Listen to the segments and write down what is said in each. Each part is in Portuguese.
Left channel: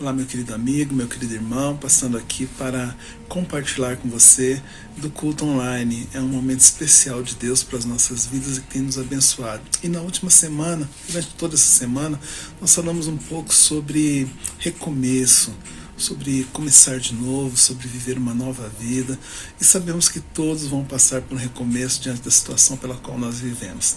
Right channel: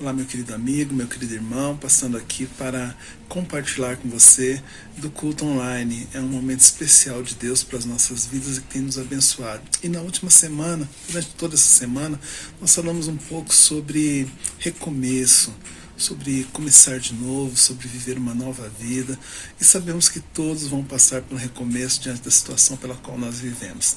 Olá, meu querido amigo, meu querido irmão, passando aqui para compartilhar com você do culto online. É um momento especial de Deus para as nossas vidas e que tem nos abençoado. E na última semana, durante toda essa semana, nós falamos um pouco sobre recomeço, sobre começar de novo, sobre viver uma nova vida. E sabemos que todos vão passar por um recomeço diante da situação pela qual nós vivemos.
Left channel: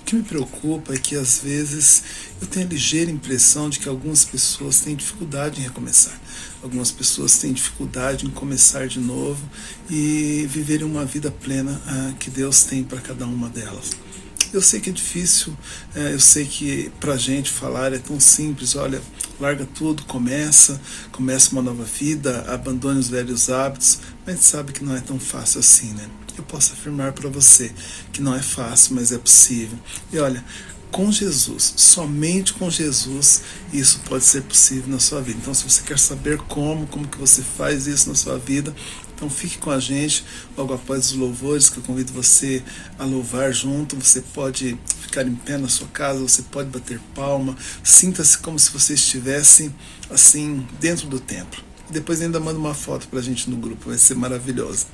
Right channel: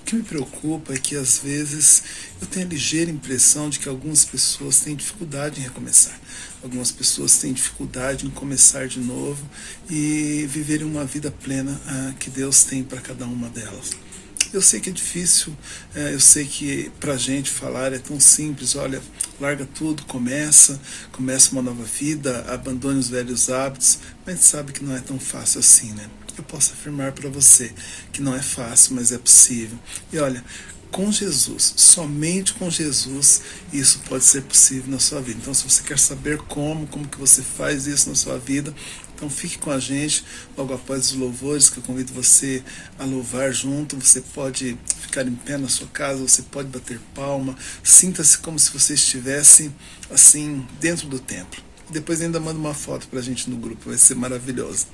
O que me preocupa é que às vezes eu tenho a ligeira impressão de que algumas pessoas têm dificuldade em recomeçar. Algumas pessoas têm dificuldade em começar de novo e viverem uma vida plena que Deus tem para cada uma delas. Eu sei que é difícil, eu sei que pra gente falar é tão simples, olha, larga tudo, começa uma nova vida, abandone os velhos hábitos, mas a gente sabe que não é tão fácil assim, né? Eu posso afirmar para você que não é fácil, mas é possível. E olha, com Jesus, somente com Jesus, isso pode ser possível na sua vida. Então, se você quer saber como que você faz isso na sua vida, então fique com a gente logo após os louvores, que eu convido você a louvar junto. Você pode ficar em pé na sua casa, você pode bater palma, sinta-se como se você estivesse assim dentro do templo. Depois ainda manda uma foto pra gente no grupo, vai ser maravilhoso.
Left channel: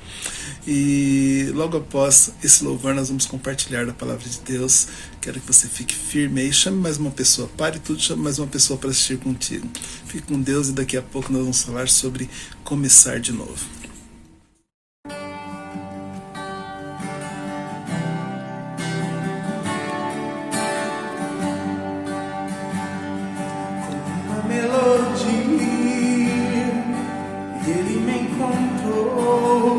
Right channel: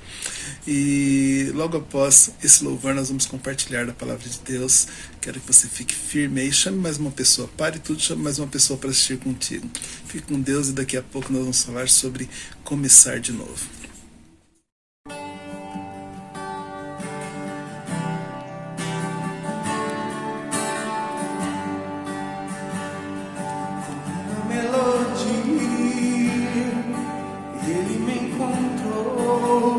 E logo após esse louvor nós vamos compartilhar da palavra de Deus. Quero que você fique firme aí, chame mais uma pessoa, pare tudo, chame mais uma pessoa para assistir contigo. Fique com Deus e daqui a pouco nós vamos falar sobre começar de novo. Ele me encontrou,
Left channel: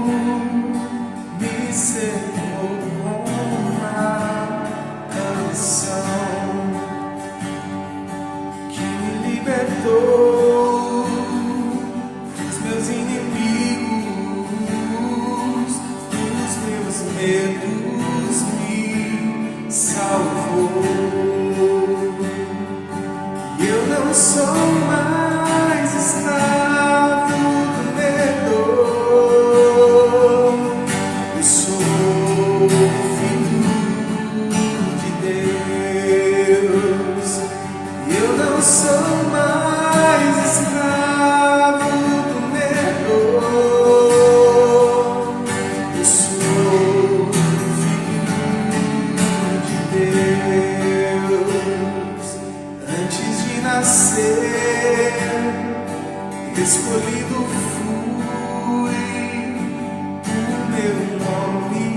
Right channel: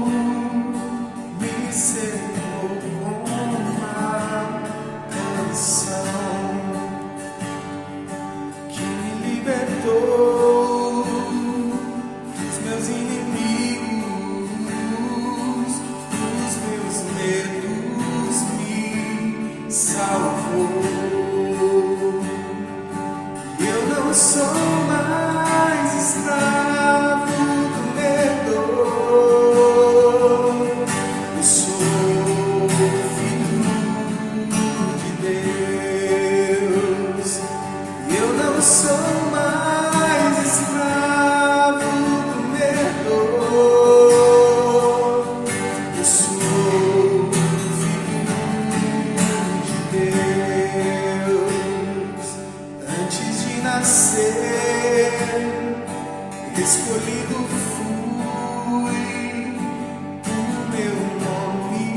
me cercou com uma canção que me libertou dos meus inimigos, dos meus medos, me salvou. E eu não sou mais escravo do medo, eu sou filho de Deus. E eu não sou mais escravo do medo, eu sou filho de Deus. Antes de nascer, escolhido fui, o meu nome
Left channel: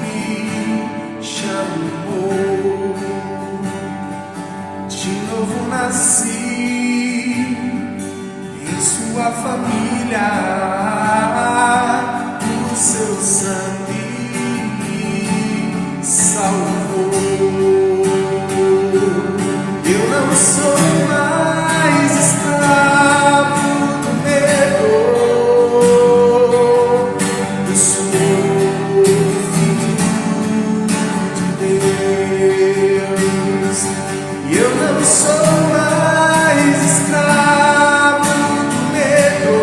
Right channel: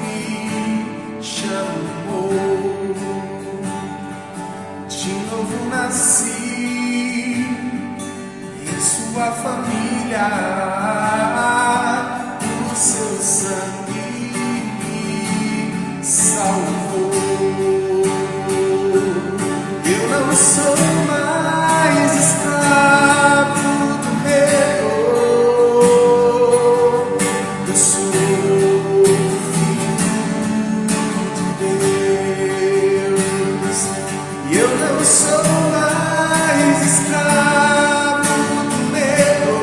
me chamou. De novo nasci em sua família, o seu sangue me salvou. Eu não sou mais escravo do medo, eu sou filho de Deus. E eu não sou mais escravo do medo,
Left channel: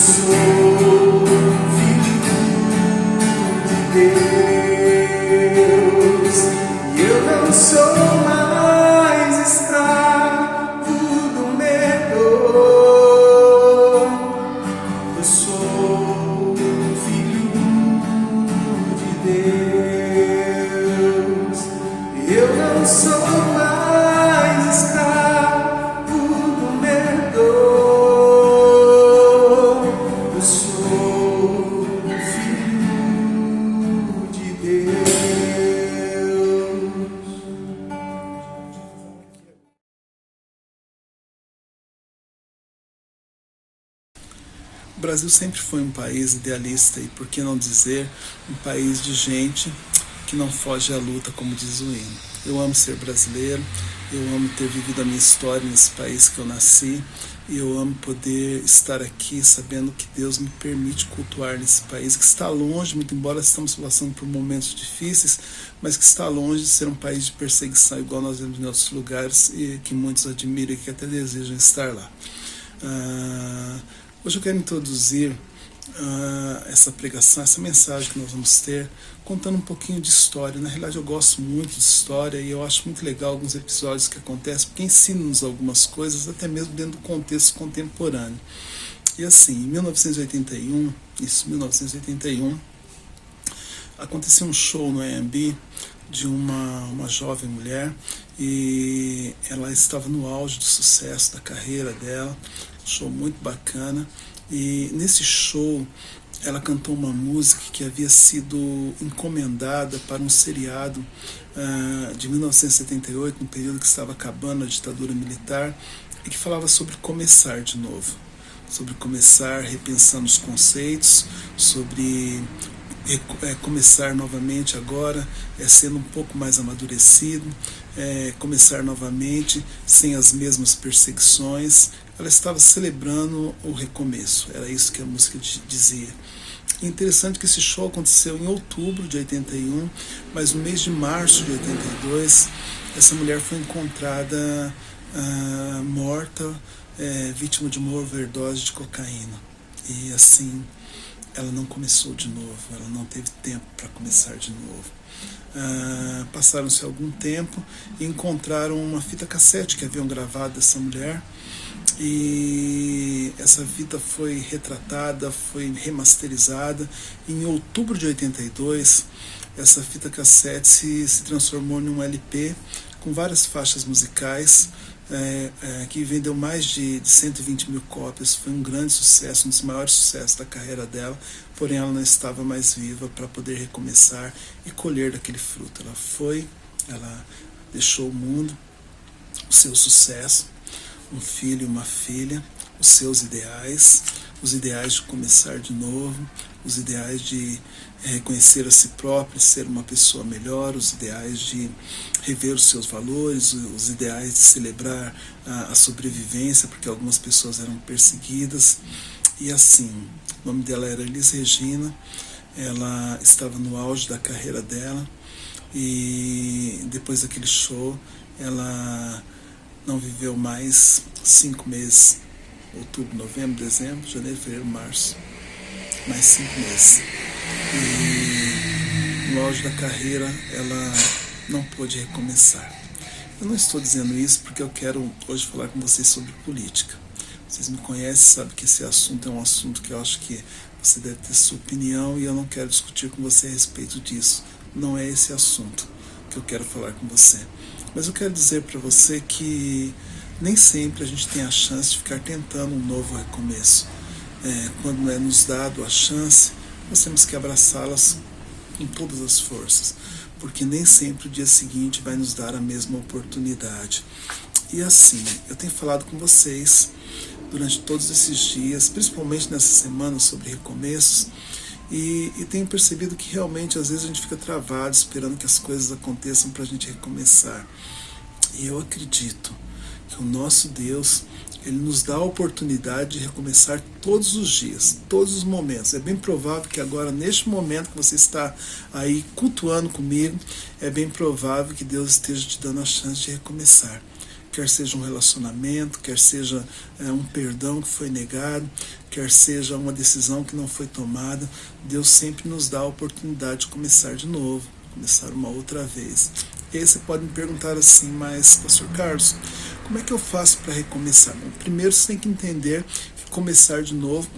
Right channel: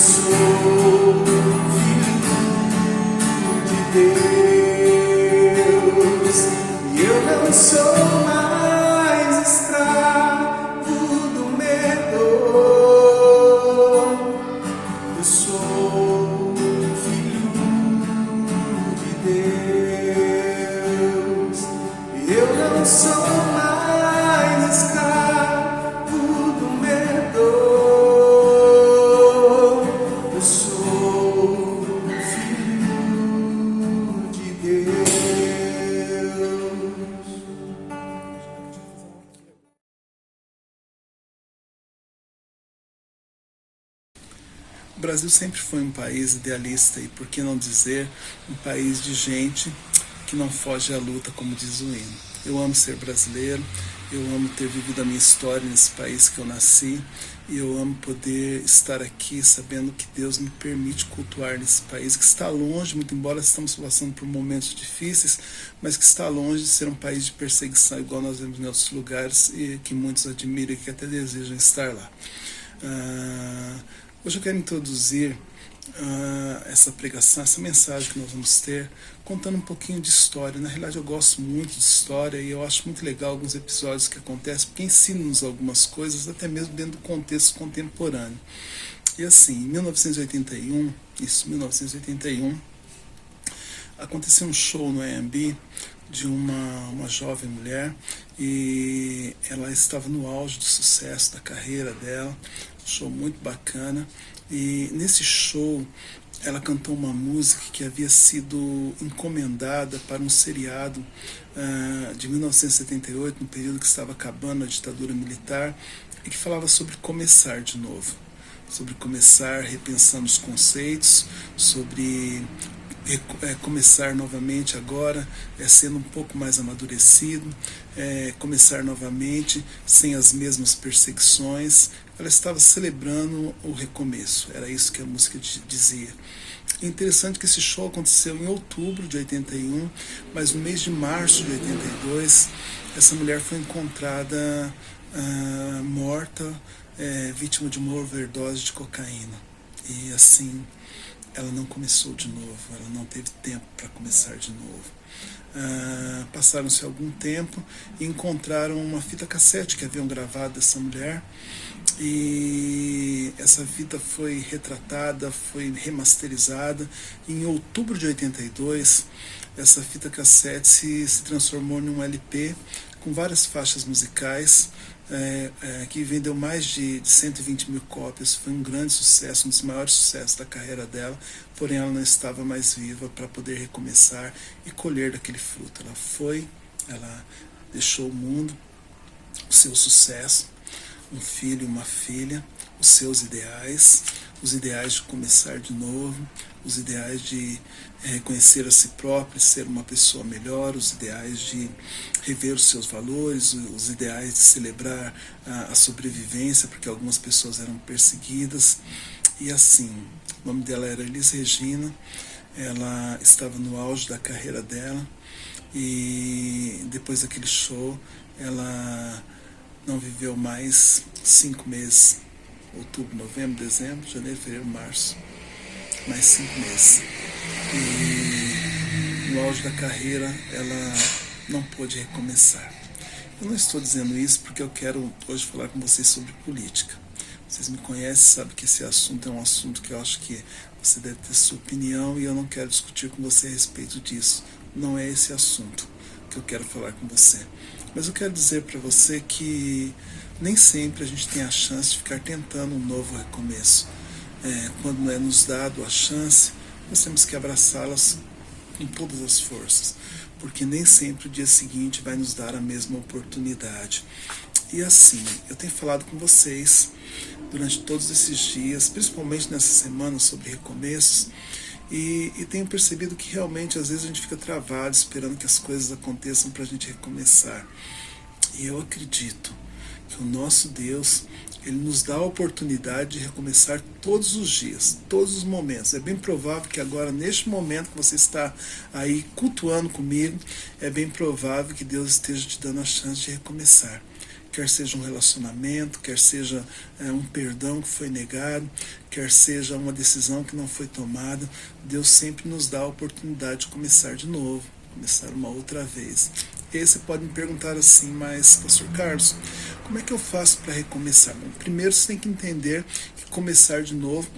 sou filho de Deus e eu não sou mais escravo do medo. Eu sou filho de Deus e eu não sou mais escravo do medo. Eu sou filho de Deus. O Brasil sempre foi um país idealista e, por que não dizer, um país de gente que não foge à luta, como diz o hino. Eu amo ser brasileiro, eu amo ter vivido a minha história nesse país que eu nasci e eu amo poder estar aqui sabendo que Deus me permite cultuar nesse país que está longe, muito embora estamos passando por momentos difíceis, mas que está longe de ser um país de perseguição igual nós vemos em outros lugares e que muitos admiram e que até desejam estar lá. Hoje eu quero introduzir essa pregação, essa mensagem que nós vamos ter, contando um pouquinho de história. Na realidade eu gosto muito de história e eu acho muito legal alguns episódios que acontecem, porque ensinam-nos algumas coisas, até mesmo dentro do contexto contemporâneo. E assim, em 1981, aconteceu um show no AMB de uma jovem mulher e ela estava no auge do sucesso da carreira dela, show muito bacana, e nesse show ela cantou uma música que havia sido encomendada para um seriado de 1978, no período que estava acabando a ditadura militar, e que falava sobre começar de novo, sobre começar repensando os conceitos, sobre começar novamente agora, sendo um pouco mais amadurecido, começar novamente sem as mesmas perseguições. Ela estava celebrando o recomeço, era isso que a música dizia. É interessante que esse show aconteceu em outubro de 81, mas no mês de março de 82, essa mulher foi encontrada morta, vítima de uma overdose de cocaína. E assim, ela não começou de novo, ela não teve tempo para começar de novo. Passaram-se algum tempo e encontraram uma fita cassete que haviam gravado dessa mulher, e essa fita foi retratada, foi remasterizada. Em outubro de 82, essa fita cassete se transformou em um LP com várias faixas musicais, que vendeu mais de 120 mil cópias. Foi um grande sucesso, um dos maiores sucessos da carreira dela, porém ela não estava mais viva para poder recomeçar e colher daquele fruto. Ela deixou o mundo, o seu sucesso, um filho e uma filha, os seus ideais, os ideais de começar de novo, os ideais de reconhecer a si próprio, ser uma pessoa melhor, os ideais de rever os seus valores, os ideais de celebrar a sobrevivência, porque algumas pessoas eram perseguidas. E assim, o nome dela era Elis Regina, ela estava no auge da carreira dela, e depois daquele show ela não viveu mais 5 meses, outubro, novembro, dezembro, janeiro, fevereiro, março, mais 5 meses. E no auge da carreira ela não pôde recomeçar. Eu não estou dizendo isso porque eu quero hoje falar com vocês sobre política. Vocês me conhecem, sabem que esse assunto é um assunto que eu acho que você deve ter sua opinião e eu não quero discutir com você a respeito disso. Não é esse assunto que eu quero falar com você. Mas eu quero dizer para você que nem sempre a gente tem a chance de ficar tentando um novo recomeço. Quando é nos dado a chance, nós temos que abraçá-las com todas as forças, porque nem sempre o dia seguinte vai nos dar a mesma oportunidade. E assim, eu tenho falado com vocês durante todos esses dias, principalmente nessa semana, sobre recomeços, e tenho percebido que realmente às vezes a gente fica travado esperando que as coisas aconteçam para a gente recomeçar. E eu acredito que o nosso Deus, Ele nos dá a oportunidade de recomeçar todos os dias, todos os momentos. É bem provável que agora, neste momento que você está aí cultuando comigo, é bem provável que Deus esteja te dando a chance de recomeçar. quer seja um relacionamento, quer seja um perdão que foi negado, quer seja uma decisão que não foi tomada, Deus sempre nos dá a oportunidade de começar de novo, começar uma outra vez. E aí você pode me perguntar assim, mas Pastor Carlos, como é que eu faço para recomeçar? Bom, primeiro você tem que entender que começar de novo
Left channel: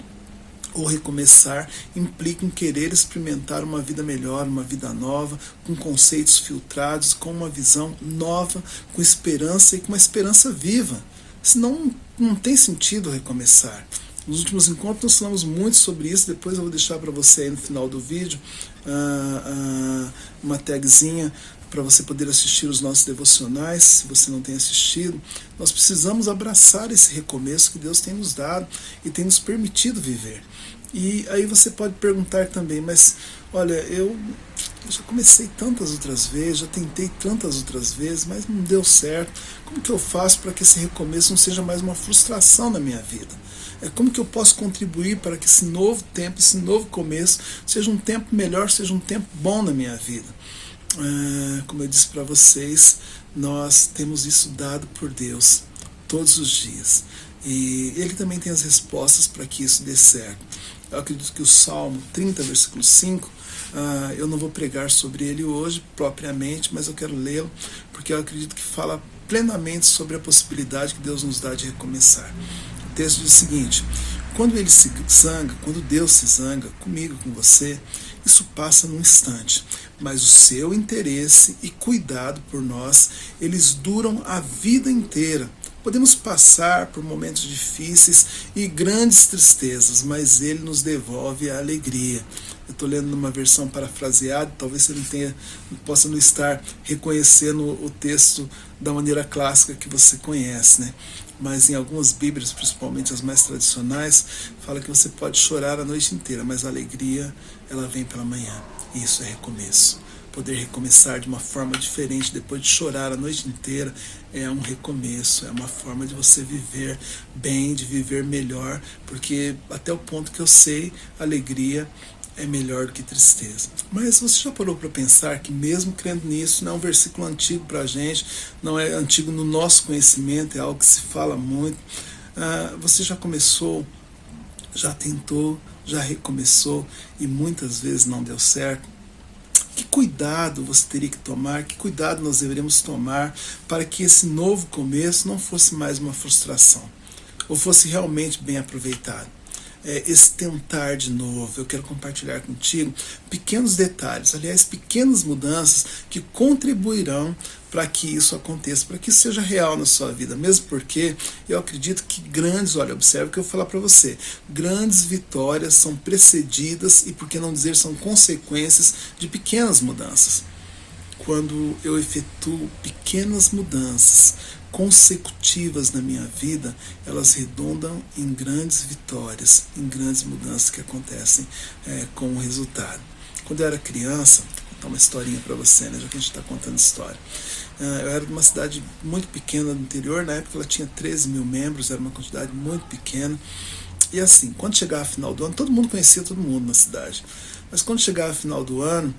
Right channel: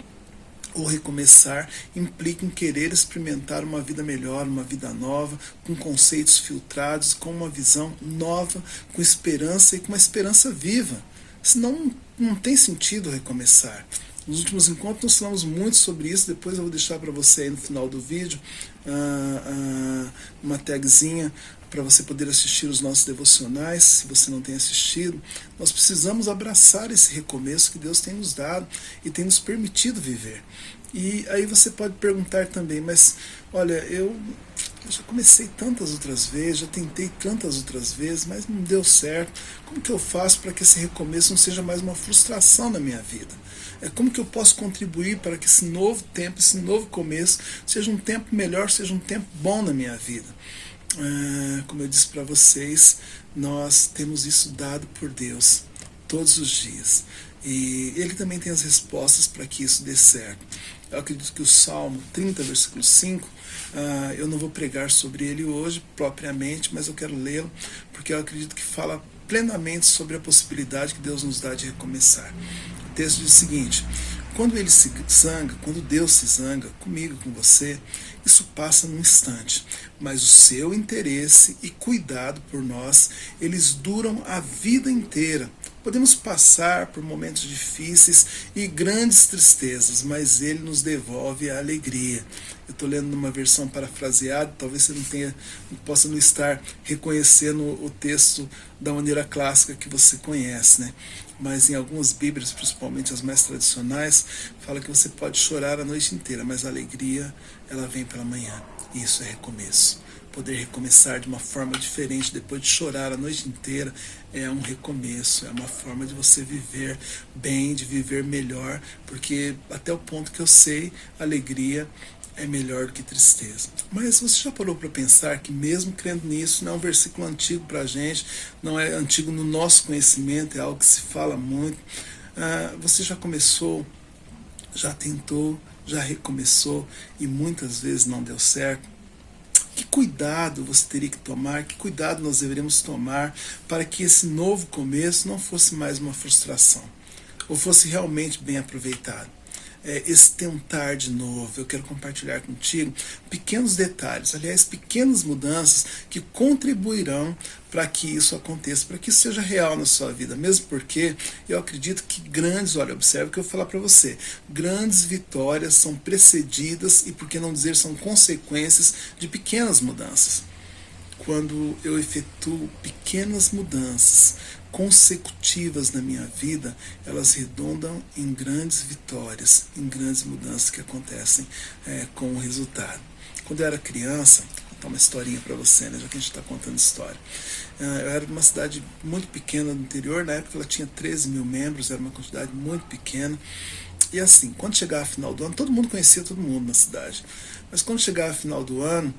ou recomeçar implica em querer experimentar uma vida melhor, uma vida nova, com conceitos filtrados, com uma visão nova, com esperança e com uma esperança viva. Senão não tem sentido recomeçar. Nos últimos encontros nós falamos muito sobre isso, depois eu vou deixar para você aí no final do vídeo uma tagzinha para você poder assistir os nossos devocionais, se você não tem assistido. Nós precisamos abraçar esse recomeço que Deus tem nos dado e tem nos permitido viver. E aí você pode perguntar também, mas olha, eu já comecei tantas outras vezes, já tentei tantas outras vezes, mas não deu certo. Como que eu faço para que esse recomeço não seja mais uma frustração na minha vida? Como que eu posso contribuir para que esse novo tempo, esse novo começo, seja um tempo melhor, seja um tempo bom na minha vida? Como eu disse para vocês, nós temos isso dado por Deus todos os dias. E Ele também tem as respostas para que isso dê certo. Eu acredito que o Salmo 30, versículo 5, eu não vou pregar sobre ele hoje propriamente, mas eu quero lê-lo, porque eu acredito que fala plenamente sobre a possibilidade que Deus nos dá de recomeçar. O texto diz o seguinte: quando ele se zanga, quando Deus se zanga comigo, com você, isso passa num instante, mas o seu interesse e cuidado por nós, eles duram a vida inteira. Podemos passar por momentos difíceis e grandes tristezas, mas Ele nos devolve a alegria. Eu estou lendo numa versão parafraseada, talvez você possa não estar reconhecendo o texto da maneira clássica que você conhece, né? Mas em algumas Bíblias, principalmente as mais tradicionais, fala que você pode chorar a noite inteira, mas a alegria, ela vem pela manhã. E isso é recomeço. Poder recomeçar de uma forma diferente depois de chorar a noite inteira é um recomeço, é uma forma de você viver bem, de viver melhor, porque até o ponto que eu sei, alegria é melhor do que tristeza. Mas você já parou para pensar que mesmo crendo nisso, não é um versículo antigo para a gente, não é antigo no nosso conhecimento, é algo que se fala muito. Você já começou, já tentou, já recomeçou e muitas vezes não deu certo? Que cuidado você teria que tomar, que cuidado nós deveríamos tomar para que esse novo começo não fosse mais uma frustração, ou fosse realmente bem aproveitado. Esse tentar de novo, eu quero compartilhar contigo pequenos detalhes, aliás, pequenas mudanças que contribuirão para que isso aconteça, para que isso seja real na sua vida, mesmo porque eu acredito que observe o que eu vou falar para você, grandes vitórias são precedidas e, por que não dizer, são consequências de pequenas mudanças. Quando eu efetuo pequenas mudanças consecutivas na minha vida, elas redundam em grandes vitórias, em grandes mudanças que acontecem com o resultado. Quando eu era criança, vou contar uma historinha para você, né, já que a gente está contando história. Eu era de uma cidade muito pequena do interior, na época ela tinha 13 mil membros, era uma quantidade muito pequena. E assim, quando chegava a final do ano, todo mundo conhecia todo mundo na cidade, mas quando chegava a final do ano,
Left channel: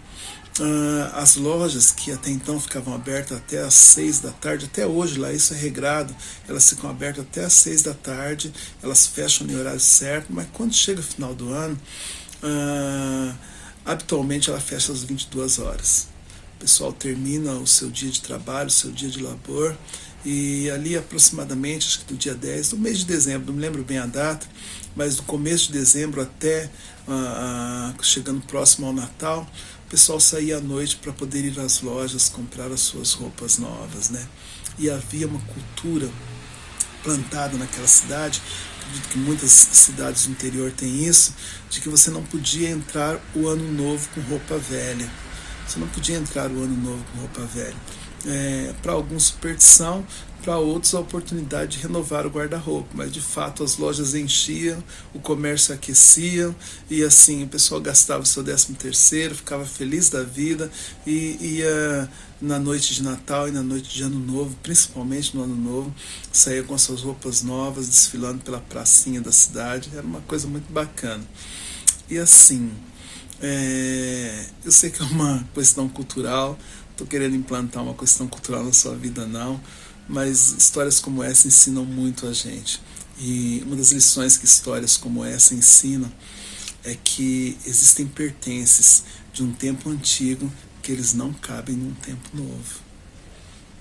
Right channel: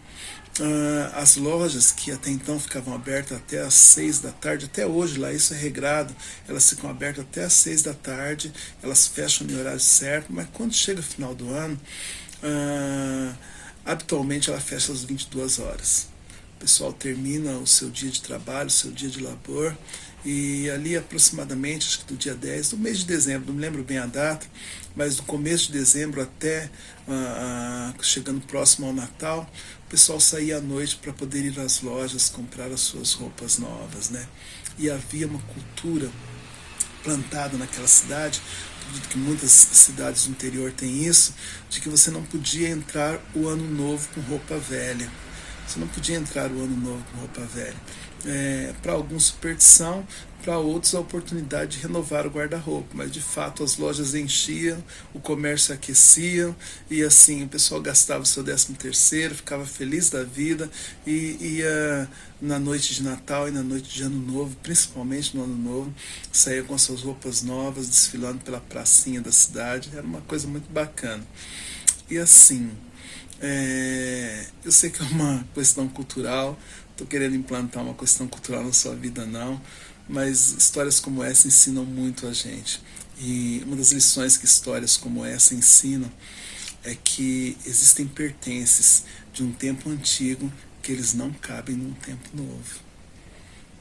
as lojas que até então ficavam abertas até às 6 da tarde, até hoje lá isso é regrado, elas ficam abertas até às 6 da tarde, elas fecham no horário certo, mas quando chega o final do ano, habitualmente ela fecha às 22 horas. O pessoal termina o seu dia de trabalho, o seu dia de labor, e ali aproximadamente, acho que do dia 10, do mês de dezembro, não me lembro bem a data, mas do começo de dezembro até chegando próximo ao Natal, o pessoal saía à noite para poder ir às lojas comprar as suas roupas novas, né? E havia uma cultura plantada naquela cidade, acredito que muitas cidades do interior têm isso, de que você não podia entrar o ano novo com roupa velha. Você não podia entrar o ano novo com roupa velha. Para alguns superstição, para outros a oportunidade de renovar o guarda-roupa, mas de fato as lojas enchiam, o comércio aquecia e assim o pessoal gastava o seu 13º, ficava feliz da vida e ia na noite de Natal e na noite de Ano Novo, principalmente no Ano Novo, saía com as suas roupas novas, desfilando pela pracinha da cidade, era uma coisa muito bacana. E assim, eu sei que é uma questão cultural, estou querendo implantar uma questão cultural na sua vida não, mas histórias como essa ensinam muito a gente. E uma das lições que histórias como essa ensinam é que existem pertences de um tempo antigo que eles não cabem num tempo novo.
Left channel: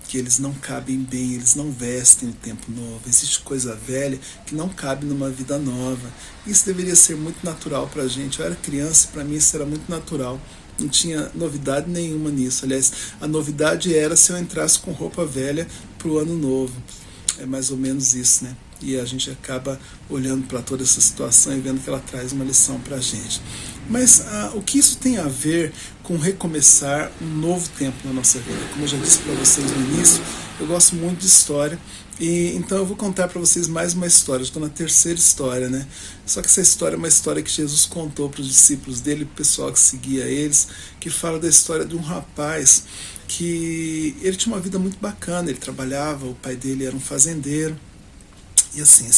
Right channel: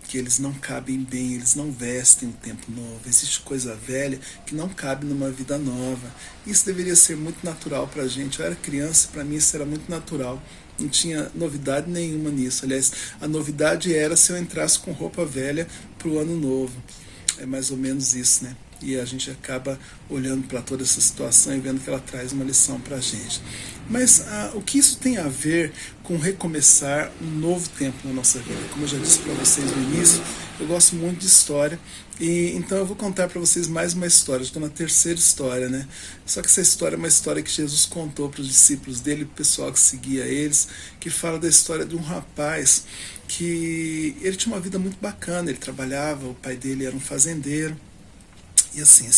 Que eles não cabem bem, eles não vestem o tempo novo. Existe coisa velha que não cabe numa vida nova. Isso deveria ser muito natural para a gente. Eu era criança e para mim isso era muito natural. Não tinha novidade nenhuma nisso. Aliás, a novidade era se eu entrasse com roupa velha para o ano novo. É mais ou menos isso, né? E a gente acaba olhando para toda essa situação e vendo que ela traz uma lição para a gente. Mas o que isso tem a ver com recomeçar um novo tempo na nossa vida? Como eu já disse para vocês no início, eu gosto muito de história, e então eu vou contar para vocês mais uma história. Estou na terceira história, né? Só que essa história é uma história que Jesus contou para os discípulos dele, para o pessoal que seguia eles, que fala da história de um rapaz que ele tinha uma vida muito bacana. Ele trabalhava, o pai dele era um fazendeiro. E assim,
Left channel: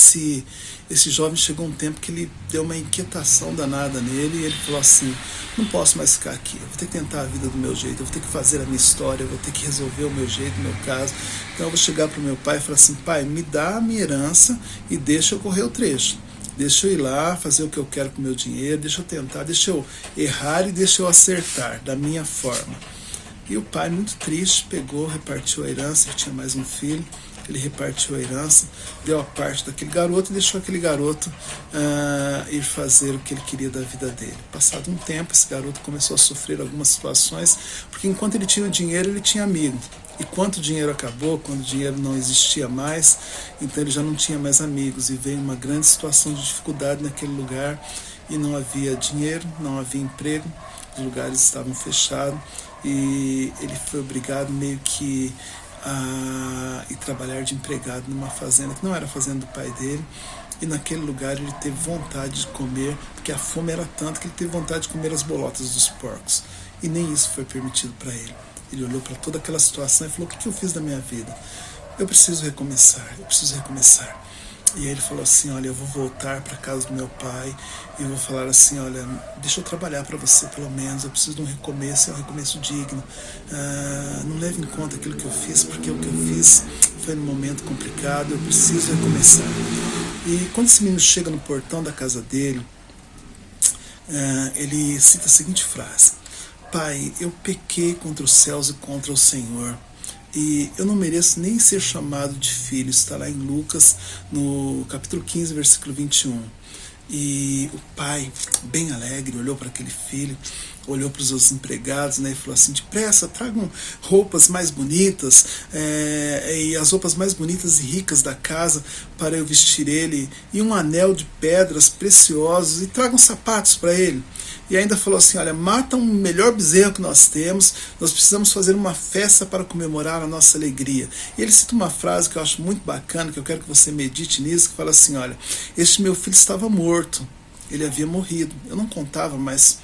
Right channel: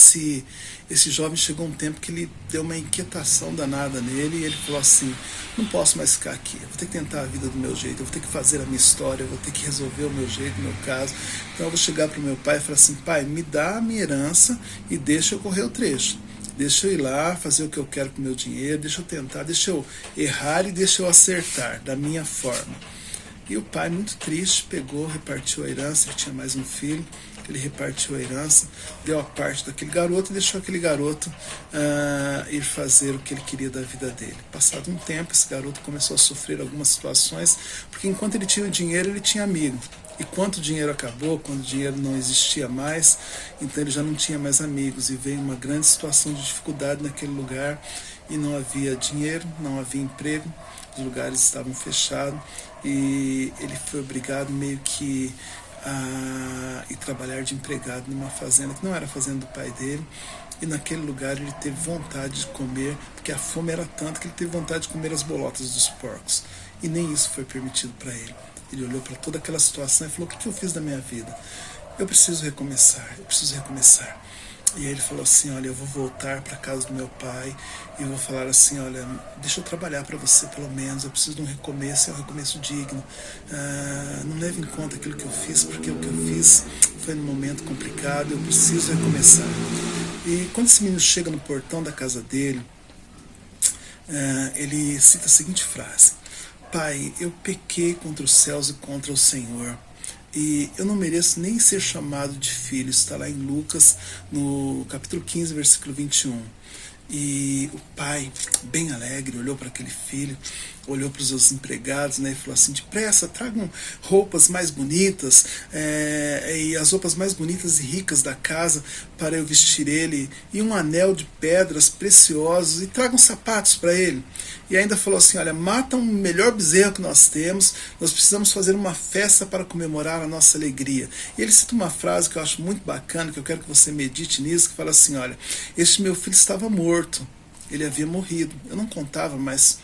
esse jovem chegou um tempo que ele deu uma inquietação danada nele, e ele falou assim: não posso mais ficar aqui, eu vou ter que tentar a vida do meu jeito, eu vou ter que fazer a minha história, eu vou ter que resolver o meu jeito, o meu caso. Então eu vou chegar para o meu pai e falar assim: pai, me dá a minha herança e deixa eu correr o trecho. Deixa eu ir lá, fazer o que eu quero com o meu dinheiro, deixa eu tentar, deixa eu errar e deixa eu acertar da minha forma. E o pai, muito triste, pegou, repartiu a herança. Ele tinha mais um filho. Ele repartiu a herança, deu a parte daquele garoto e deixou aquele garoto ir fazer o que ele queria da vida dele. Passado um tempo, esse garoto começou a sofrer algumas situações, porque enquanto ele tinha o dinheiro, ele tinha amigo. E quando o dinheiro acabou, quando o dinheiro não existia mais, então ele já não tinha mais amigos, e veio uma grande situação de dificuldade naquele lugar, e não havia dinheiro, não havia emprego, os lugares estavam fechados, e ele foi obrigado meio que e trabalhar de empregado numa fazenda que não era a fazenda do pai dele. E naquele lugar ele teve vontade de comer, porque a fome era tanta que ele teve vontade de comer as bolotas dos porcos, e nem isso foi permitido para ele. Ele olhou para toda aquela situação e falou: o que eu fiz da minha vida? Eu preciso recomeçar, eu preciso recomeçar. E aí ele falou assim: olha, eu vou voltar para a casa do meu pai e vou falar assim: olha, deixa eu trabalhar para você pelo menos, eu preciso de um recomeço, é um recomeço digno. Não leve em conta aquilo que eu fiz, porque o que eu fiz foi num momento complicado, eu preciso recomeçar. E quando esse menino chega no portão da casa dele, ele cita a seguinte frase: pai, eu pequei contra os céus e contra o Senhor, e eu não mereço nem ser chamado de filho. Está lá em Lucas, no capítulo 15, versículo 21. E o pai, bem alegre, olhou para aquele filho, olhou para os seus empregados, né, e falou assim: depressa, tragam roupas mais bonitas, e as roupas mais bonitas e ricas da casa para eu vestir ele, e um anel de pedras preciosos, e tragam sapatos para ele. E ainda falou assim: olha, mata um melhor bezerro que nós temos, nós precisamos fazer uma festa para comemorar a nossa alegria. E ele cita uma frase que eu acho muito bacana, que eu quero que você medite nisso, que fala assim: olha, este meu filho estava morto, ele havia morrido, eu não contava mais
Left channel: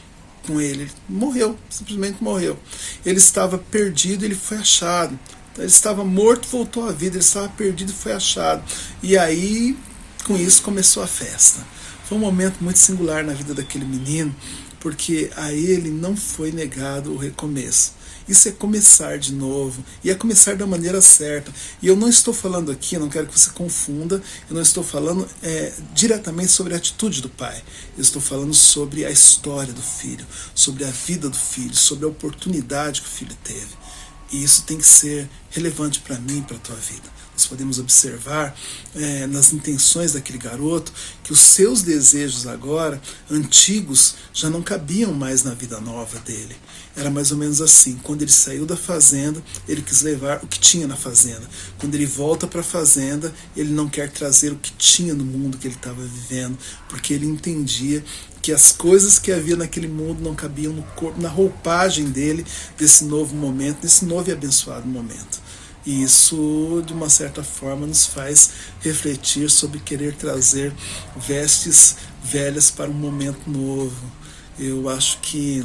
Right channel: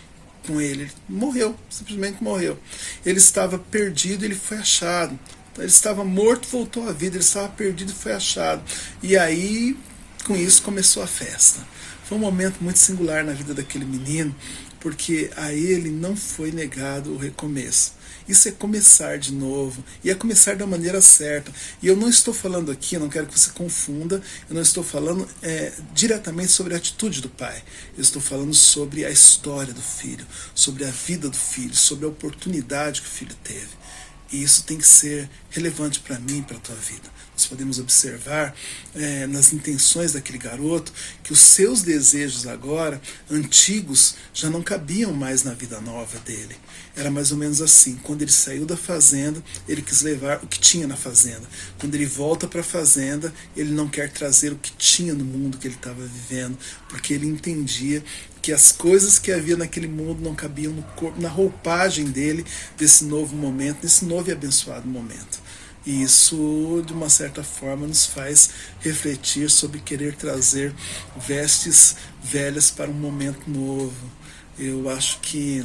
com ele morreu, simplesmente morreu. Ele estava perdido, ele foi achado. Então, ele estava morto, voltou à vida, ele estava perdido e foi achado. E aí, com isso, começou a festa. Foi um momento muito singular na vida daquele menino, porque a ele não foi negado o recomeço. Isso é começar de novo, e é começar da maneira certa. E eu não estou falando aqui, eu não quero que você confunda, eu não estou falando diretamente sobre a atitude do pai. Eu estou falando sobre a história do filho, sobre a vida do filho, sobre a oportunidade que o filho teve. E isso tem que ser relevante para mim e para a tua vida. Nós podemos observar nas intenções daquele garoto que os seus desejos agora, antigos, já não cabiam mais na vida nova dele. Era mais ou menos assim: quando ele saiu da fazenda, ele quis levar o que tinha na fazenda. Quando ele volta para a fazenda, ele não quer trazer o que tinha no mundo que ele estava vivendo, porque ele entendia que as coisas que havia naquele mundo não cabiam no corpo, na roupagem dele, desse novo momento, desse novo e abençoado momento. E isso, de uma certa forma, nos faz refletir sobre querer trazer vestes velhas para um momento novo. Eu acho que,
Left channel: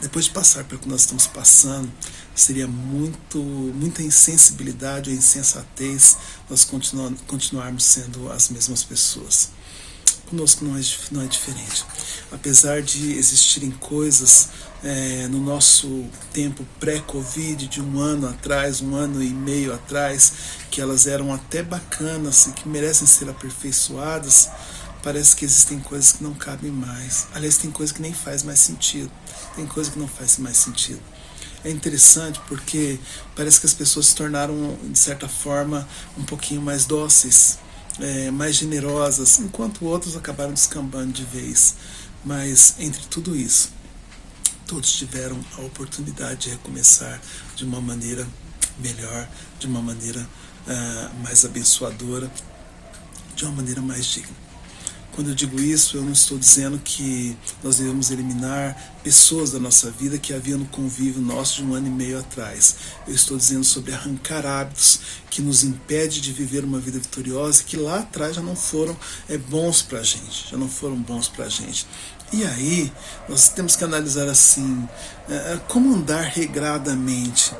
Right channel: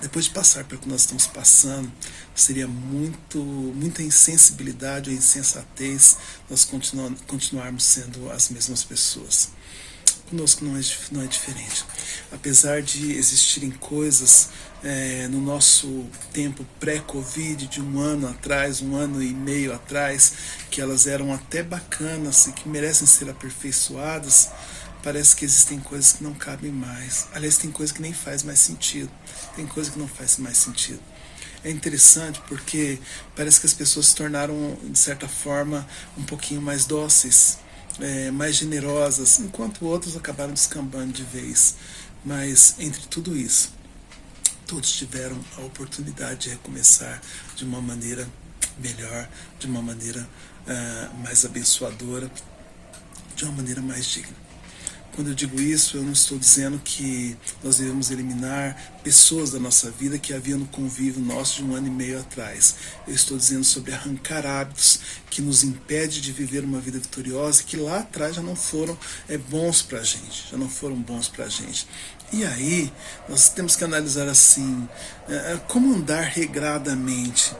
depois de passar pelo que nós estamos passando, seria muita insensibilidade ou insensatez nós continuarmos sendo as mesmas pessoas. Conosco não é diferente. Apesar de existirem coisas no nosso tempo pré-Covid, de um ano atrás, 1 ano e meio atrás, que elas eram até bacanas e que merecem ser aperfeiçoadas, parece que existem coisas que não cabem mais. Aliás, tem coisa que nem faz mais sentido. Tem coisa que não faz mais sentido. É interessante porque parece que as pessoas se tornaram, de certa forma, um pouquinho mais dóceis, mais generosas, enquanto outros acabaram descambando de vez. Mas entre tudo isso, todos tiveram a oportunidade de recomeçar de uma maneira melhor, de uma maneira mais abençoadora, de uma maneira mais digna. Quando eu digo isso, eu não estou dizendo que nós devemos eliminar pessoas da nossa vida que havia no convívio nosso de 1 ano e meio atrás. Eu estou dizendo sobre arrancar hábitos que nos impedem de viver uma vida vitoriosa e que lá atrás já não foram bons para a gente, já não foram bons para a gente. E aí, nós temos que analisar assim, como andar regradamente,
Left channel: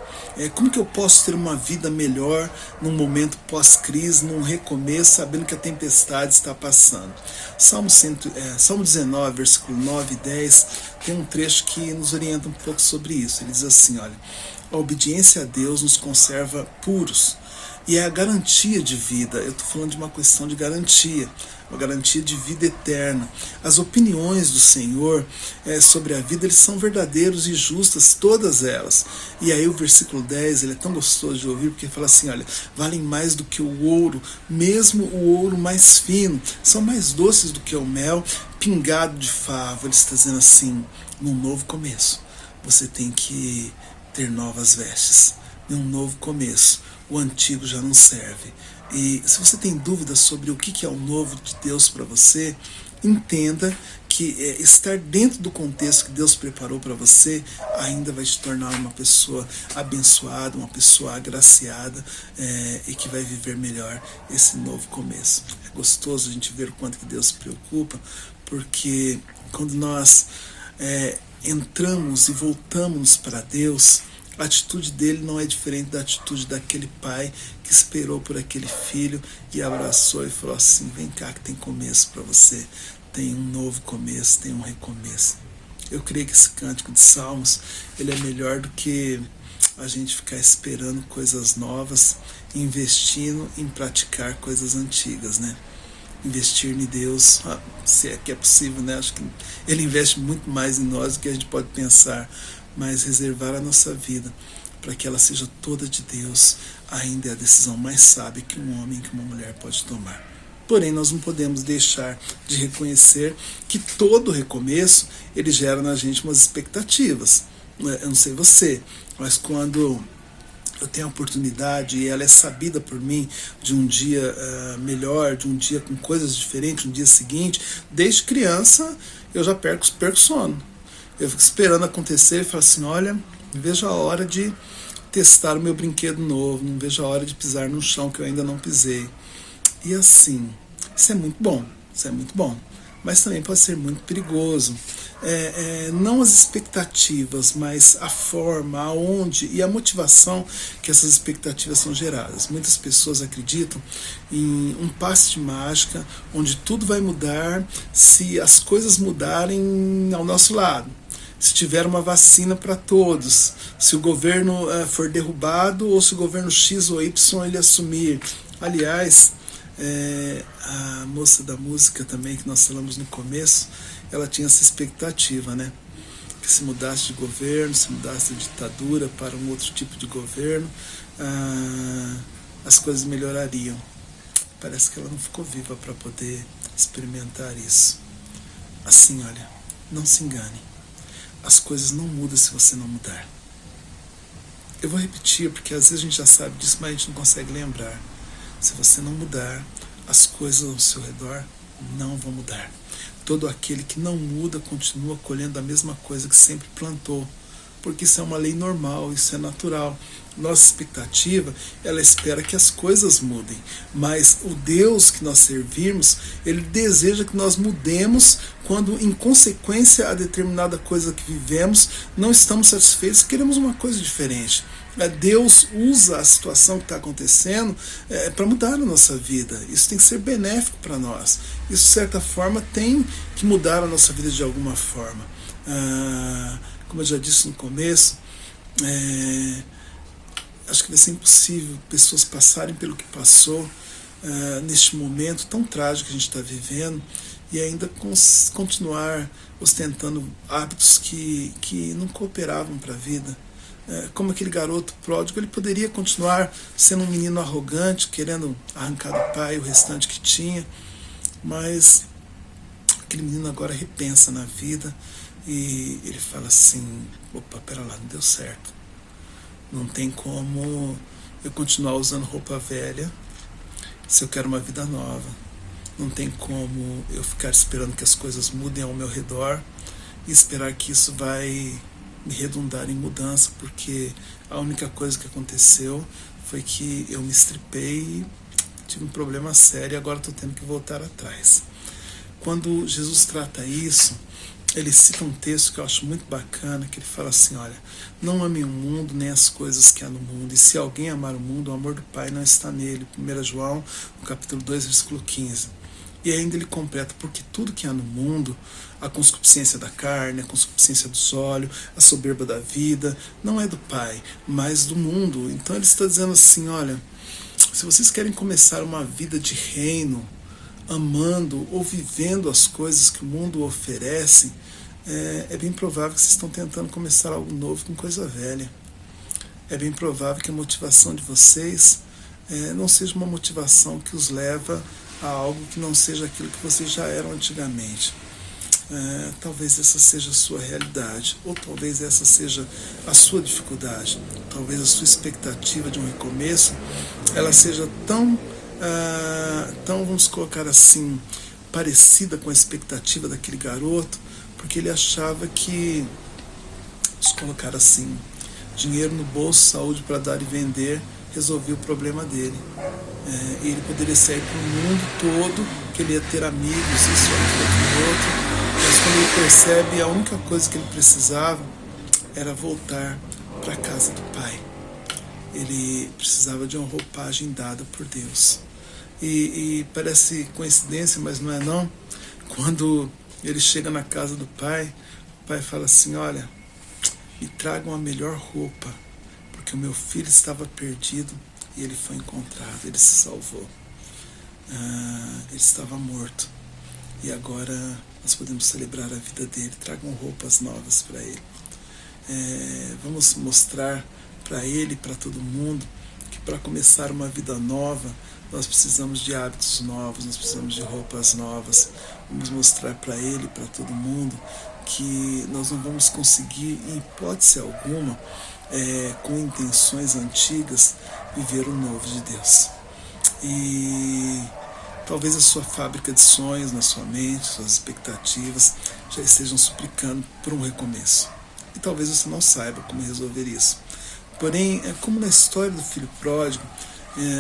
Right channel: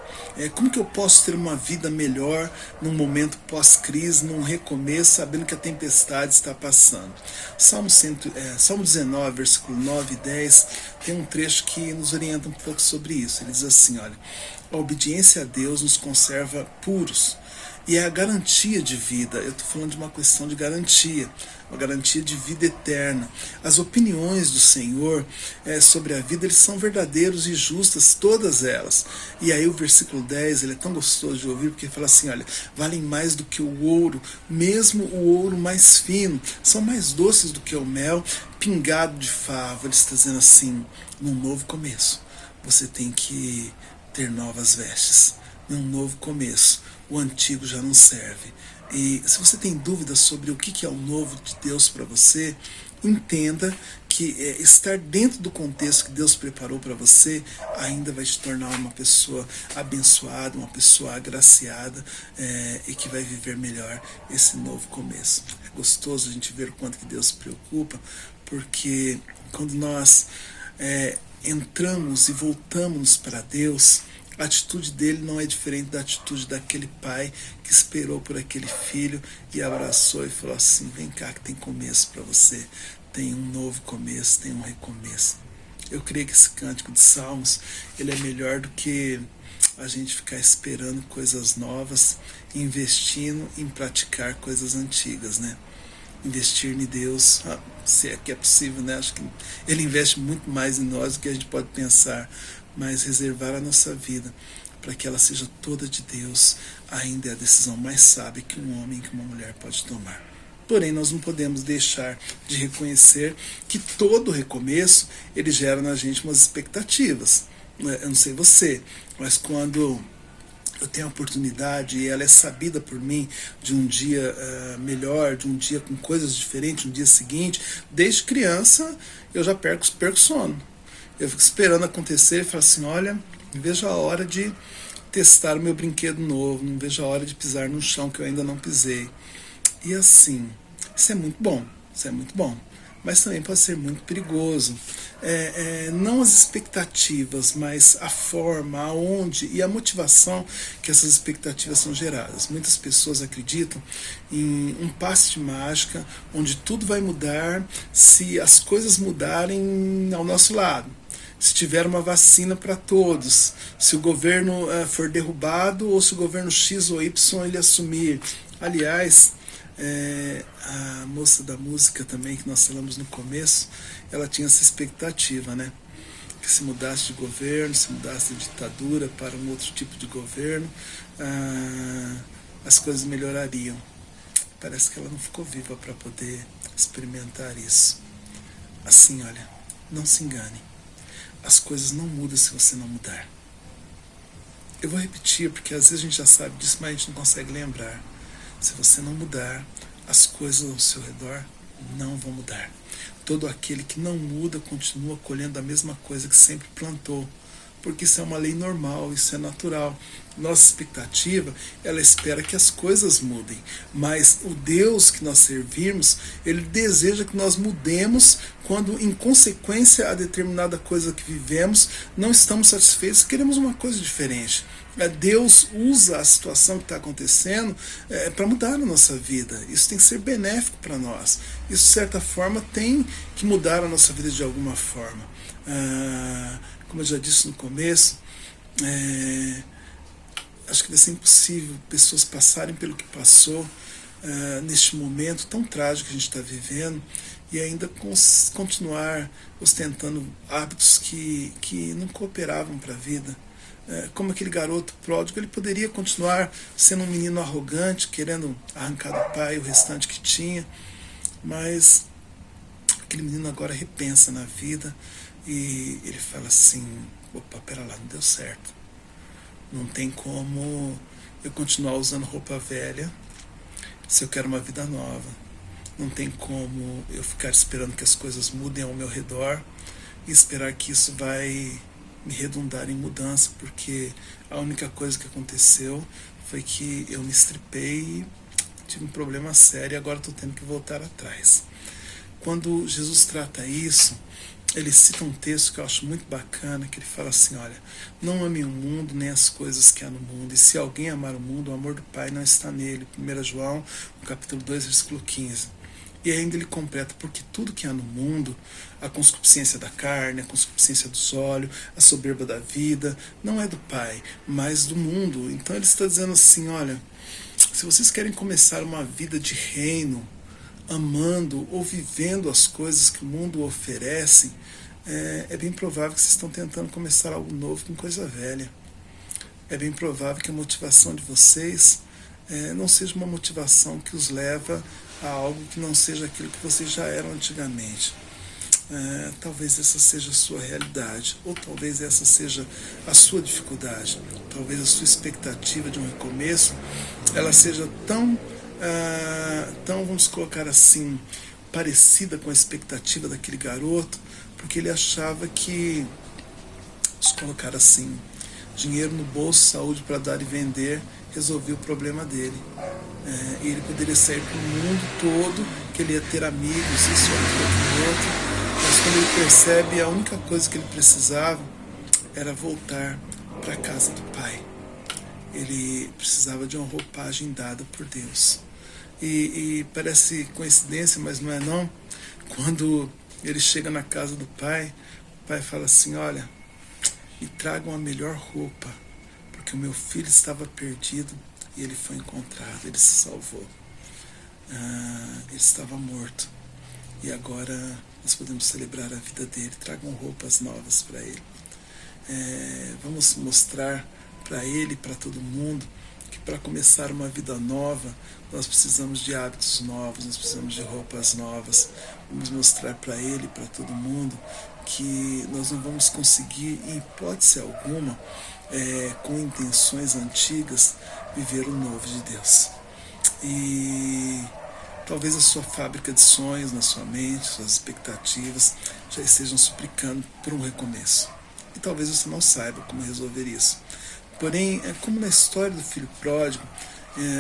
como que eu posso ter uma vida melhor num momento pós-crise, num recomeço, sabendo que a tempestade está passando. Salmo 19, versículo 9 e 10, tem um trecho que nos orienta um pouco sobre isso. Ele diz assim, olha, a obediência a Deus nos conserva puros, e é a garantia de vida. Eu estou falando de uma questão de garantia, uma garantia de vida eterna. As opiniões do Senhor sobre a vida, eles são verdadeiros e justas, todas elas. E aí o versículo 10, ele é tão gostoso de ouvir, porque ele fala assim, olha, valem mais do que o ouro, mesmo o ouro mais fino, são mais doces do que o mel, pingado de favo. Ele está dizendo assim, num novo começo, você tem que ter novas vestes, num novo começo. O antigo já não serve. E se você tem dúvidas sobre o que é o novo de Deus para você, entenda que estar dentro do contexto que Deus preparou para você ainda vai te tornar uma pessoa abençoada, uma pessoa agraciada e que vai viver melhor esse novo começo. É gostoso a gente ver o quanto que Deus se preocupa, porque quando nós entramos e voltamos para Deus, a atitude dele não é diferente da atitude daquele pai que esperou por aquele filho e abraçou e falou assim, vem cá que tem começo para você, tem um novo começo, tem um recomeço. Eu creio que esse cântico de Salmos, ele é melhor do que a gente ficar esperando coisas novas, investindo em praticar coisas antigas, né? Investir em Deus, se é que é possível, né? Acho que ele investe muito mais em nós do que a gente pode pensar, mas reservar a nossa vida para que ela seja toda de Deus ainda é a decisão mais sábia que um homem, que uma mulher pode tomar. Porém, nós não podemos deixar de reconhecer que todo recomeço, ele gera na gente umas expectativas. Eu não sei você, mas quando eu tenho a oportunidade e ela é sabida por mim de um dia melhor, de um dia com coisas diferentes, um dia seguinte, desde criança eu já perco sono. Eu fico esperando acontecer e falo assim, olha, não vejo a hora de testar o meu brinquedo novo, não vejo a hora de pisar no chão que eu ainda não pisei. E assim, isso é muito bom, mas também pode ser muito perigoso. Não as expectativas, mas a forma, aonde e a motivação que essas expectativas são geradas. Muitas pessoas acreditam em um passe de mágica, onde tudo vai mudar se as coisas mudarem ao nosso lado. Se tiver uma vacina para todos, se o governo for derrubado ou se o governo X ou Y ele assumir. Aliás, a moça da música também, que nós falamos no começo, ela tinha essa expectativa, né? Que se mudasse de governo, se mudasse de ditadura para um outro tipo de governo, as coisas melhorariam. Parece que ela não ficou viva para poder experimentar isso. Assim, olha, não se engane. As coisas não mudam se você não mudar. Eu vou repetir, porque às vezes a gente já sabe disso, mas a gente não consegue lembrar. Se você não mudar, as coisas ao seu redor não vão mudar. Todo aquele que não muda continua colhendo a mesma coisa que sempre plantou. porque isso é uma lei normal, isso é natural. Nossa expectativa, ela espera que as coisas mudem, mas o Deus que nós servimos, ele deseja que nós mudemos quando, em consequência a determinada coisa que vivemos, não estamos satisfeitos, queremos uma coisa diferente. Deus usa a situação que está acontecendo para mudar a nossa vida. Isso tem que ser benéfico para nós. Isso, de certa forma, tem que mudar a nossa vida de alguma forma. Como eu já disse no começo, acho que vai ser impossível pessoas passarem pelo que passou neste momento tão trágico que a gente está vivendo e ainda continuar ostentando hábitos que não cooperavam para a vida. Como aquele garoto pródigo, ele poderia continuar sendo um menino arrogante, querendo arrancar do pai o restante que tinha, mas aquele menino agora repensa na vida e ele fala assim: opa, pera lá, não deu certo. Não tem como eu continuar usando roupa velha se eu quero uma vida nova. Não tem como eu ficar esperando que as coisas mudem ao meu redor e esperar que isso vai me redundar em mudança, porque a única coisa que aconteceu foi que eu me estripei e tive um problema sério e agora estou tendo que voltar atrás. Quando Jesus trata isso, ele cita um texto que eu acho muito bacana, que ele fala assim: olha, não ame o mundo nem as coisas que há no mundo, e se alguém amar o mundo, o amor do Pai não está nele. 1 João, no capítulo 2, versículo 15. E ainda ele completa: porque tudo que há no mundo, a concupiscência da carne, a concupiscência dos olhos, a soberba da vida, não é do Pai, mas do mundo. Então ele está dizendo assim: olha, se vocês querem começar uma vida de reino, amando ou vivendo as coisas que o mundo oferece, é bem provável que vocês estão tentando começar algo novo com coisa velha. É bem provável que a motivação de vocês não seja uma motivação que os leva a algo que não seja aquilo que vocês já eram antigamente. Talvez essa seja a sua realidade, ou talvez essa seja a sua dificuldade. Talvez a sua expectativa de um recomeço ela seja tão, vamos colocar assim, parecida com a expectativa daquele garoto, porque ele achava que, vamos colocar assim, dinheiro no bolso, saúde para dar e vender, resolvia o problema dele. E ele poderia sair para o mundo todo, que ele ia ter amigos, isso, aquilo, outro, mas quando ele percebe, a única coisa que ele precisava era voltar para a casa do Pai. Ele precisava de uma roupagem dada por Deus. E parece coincidência, mas não é não. Quando ele chega na casa do Pai, o Pai fala assim: olha, me tragam a melhor roupa, porque o meu filho estava perdido e ele foi encontrado, ele se salvou. Ele estava morto e agora nós podemos celebrar a vida dele. Tragam roupas novas para ele. Vamos mostrar para ele e para todo mundo que para começar uma vida nova nós precisamos de hábitos novos, nós precisamos de roupas novas. Vamos mostrar para ele e para todo mundo que nós não vamos conseguir, em hipótese alguma, com intenções antigas, viver o novo de Deus. E talvez a sua fábrica de sonhos na sua mente, suas expectativas já estejam suplicando por um recomeço. E talvez você não saiba como resolver isso. Porém, como na história do filho pródigo,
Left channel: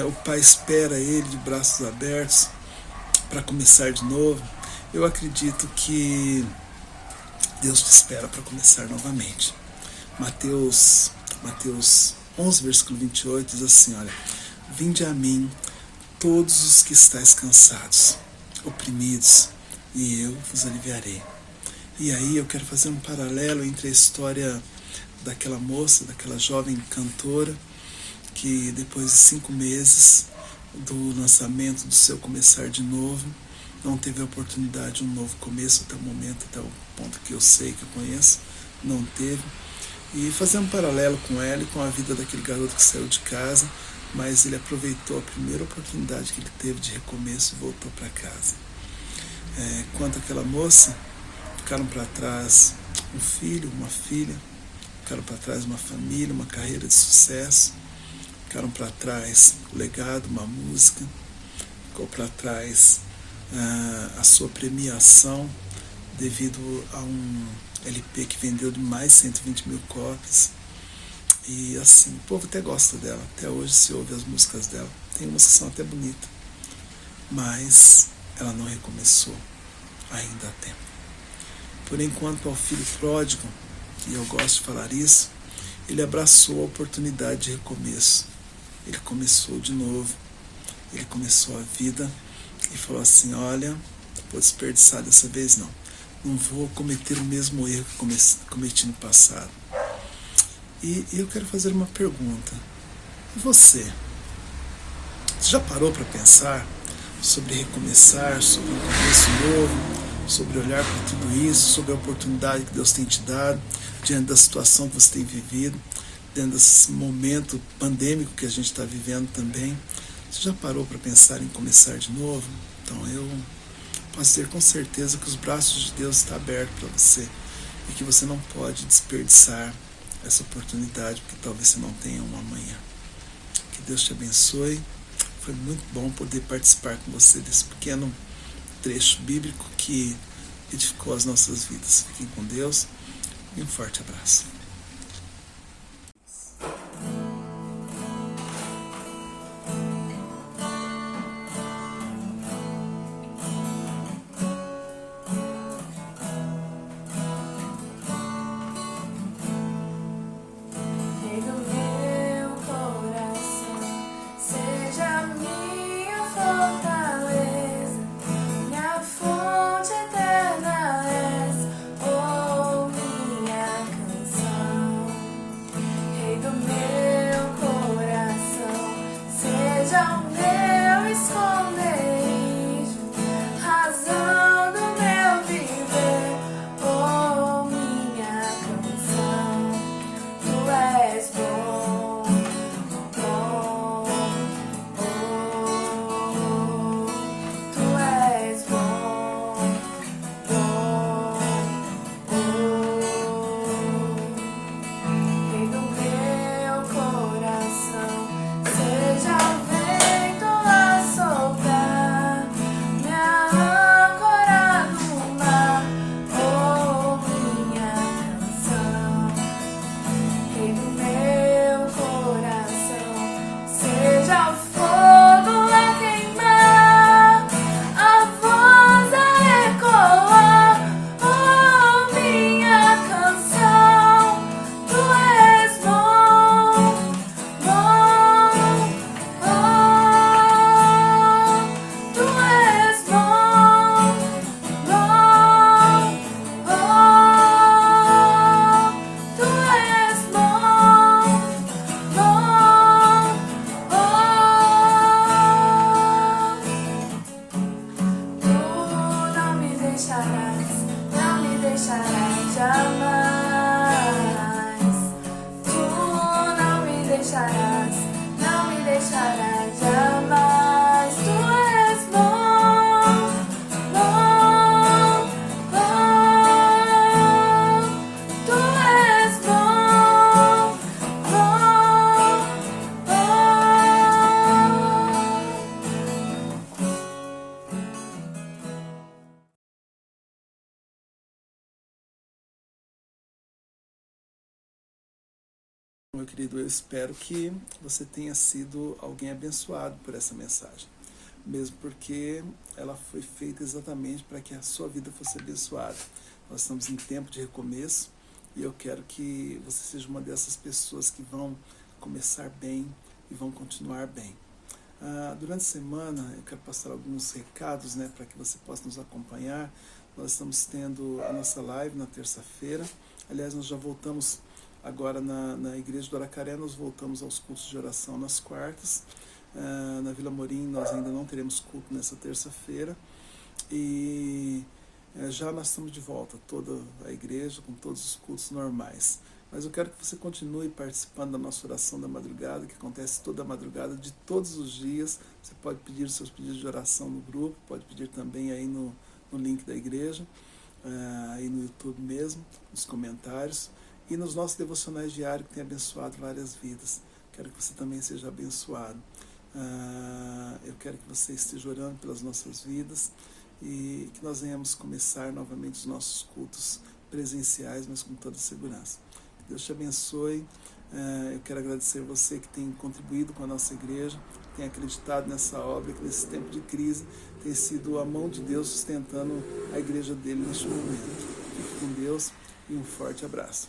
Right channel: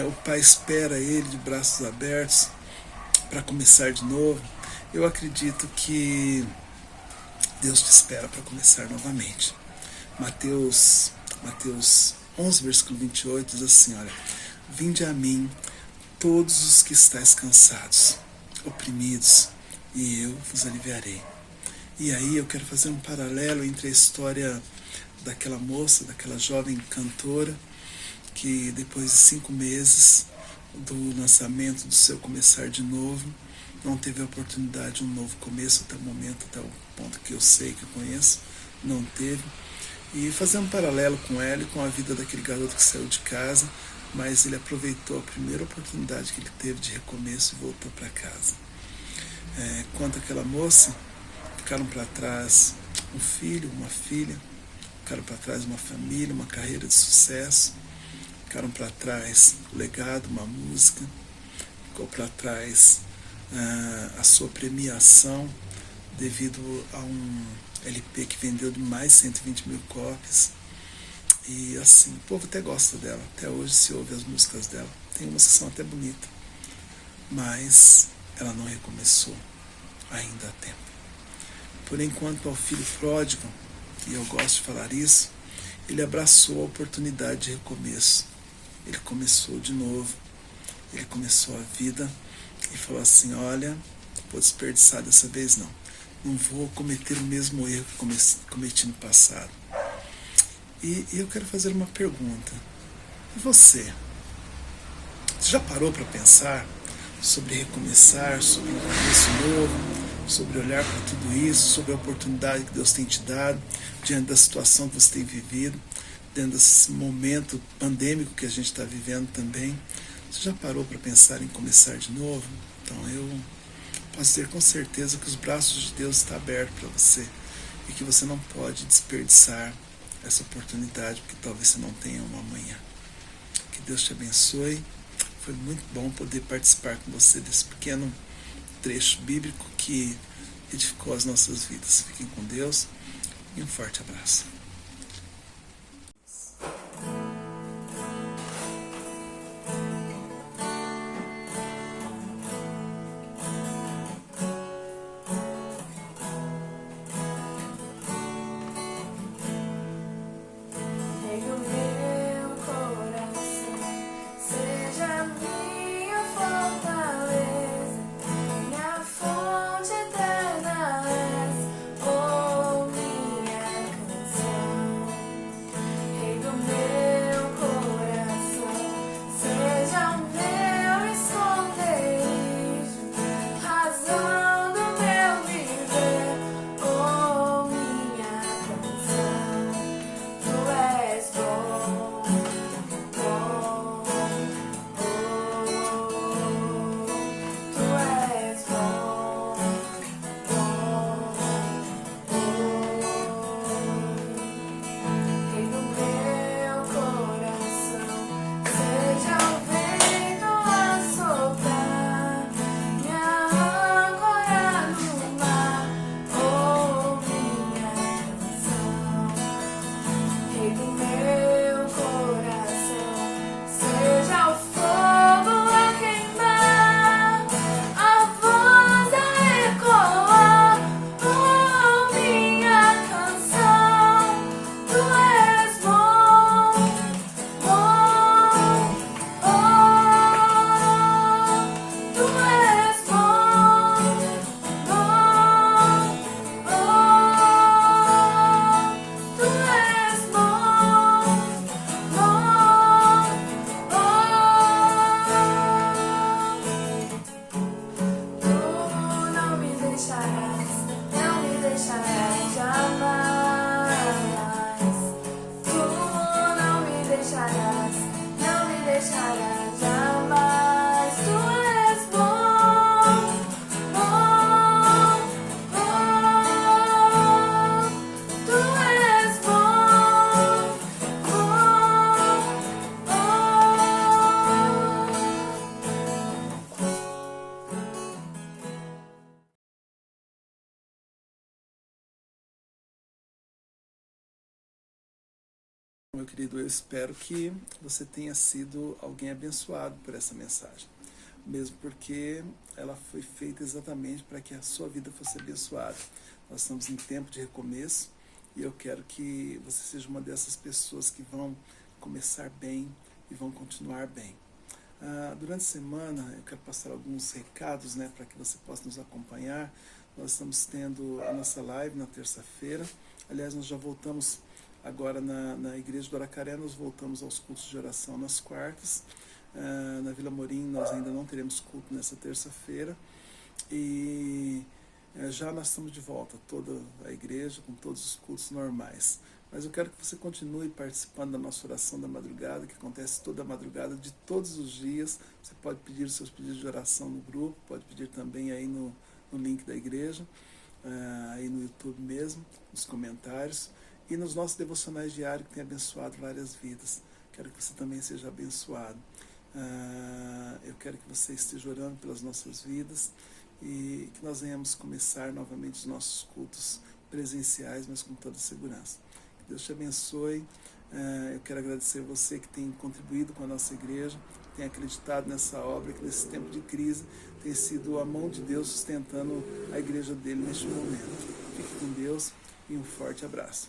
o pai espera ele de braços abertos para começar de novo. Eu acredito que Deus te espera para começar novamente. Mateus 11, versículo 28 diz assim: olha, vinde a mim todos os que estáis cansados, oprimidos, e eu vos aliviarei. E aí eu quero fazer um paralelo entre a história daquela moça, daquela jovem cantora, que depois de 5 meses do lançamento do seu Começar de Novo, não teve a oportunidade de um novo começo até o momento, até o ponto que eu sei, que eu conheço, não teve. E fazer um paralelo com ela e com a vida daquele garoto que saiu de casa, mas ele aproveitou a primeira oportunidade que ele teve de recomeço e voltou para casa. Quanto àquela moça, ficaram para trás um filho, uma filha, ficaram para trás uma família, uma carreira de sucesso, ficaram para trás o legado, uma música, ficou para trás a sua premiação devido a um LP que vendeu de mais de 120 mil cópias. E assim, o povo até gosta dela, até hoje se ouve as músicas dela. Tem umas que são até bonitas, mas ela não recomeçou ainda há tempo. Porém, quanto ao filho pródigo, e eu gosto de falar isso, ele abraçou a oportunidade de recomeço. Ele começou de novo, ele começou a vida e falou assim, olha, vou desperdiçar dessa vez não vou cometer o mesmo erro que cometi no passado. E eu quero fazer uma pergunta, e você? Você já parou para pensar sobre recomeçar, sobre um começo novo, sobre olhar para tudo isso, sobre a oportunidade que Deus tem te dado, diante da situação que você tem vivido, dentro desse momento pandêmico que a gente está vivendo também? Você já parou para pensar em começar de novo? Então eu posso dizer com certeza que os braços de Deus estão abertos para você e que você não pode desperdiçar essa oportunidade, porque talvez você não tenha um amanhã. Que Deus te abençoe. Foi muito bom poder participar com você desse pequeno trecho bíblico que edificou as nossas vidas. Fiquem com Deus e um forte abraço. Meu querido, eu espero que você tenha sido alguém abençoado por essa mensagem, mesmo porque ela foi feita exatamente para que a sua vida fosse abençoada. Nós estamos em tempo de recomeço e eu quero que você seja uma dessas pessoas que vão começar bem e vão continuar bem. Durante a semana eu quero passar alguns recados, para que você possa nos acompanhar. Nós estamos tendo a nossa live na terça-feira. Aliás, nós já voltamos agora na igreja do Aracaré, nós voltamos aos cultos de oração nas quartas. Na Vila Morim nós ainda não teremos culto nessa terça-feira. E já nós estamos de volta, toda a igreja, com todos os cultos normais. Mas eu quero que você continue participando da nossa oração da madrugada, que acontece toda a madrugada, de todos os dias. Você pode pedir os seus pedidos de oração no grupo, pode pedir também aí no link da igreja, aí no YouTube mesmo, nos comentários. E nos nossos devocionais diários, que tem abençoado várias vidas. Quero que você também seja abençoado. Eu quero que você esteja orando pelas nossas vidas e que nós venhamos começar novamente os nossos cultos presenciais, mas com toda segurança. Que Deus te abençoe. Eu quero agradecer você que tem contribuído com a nossa igreja, tem acreditado nessa obra, que nesse tempo de crise tem sido a mão de Deus sustentando a igreja dele neste momento. Fique com Deus e um forte abraço.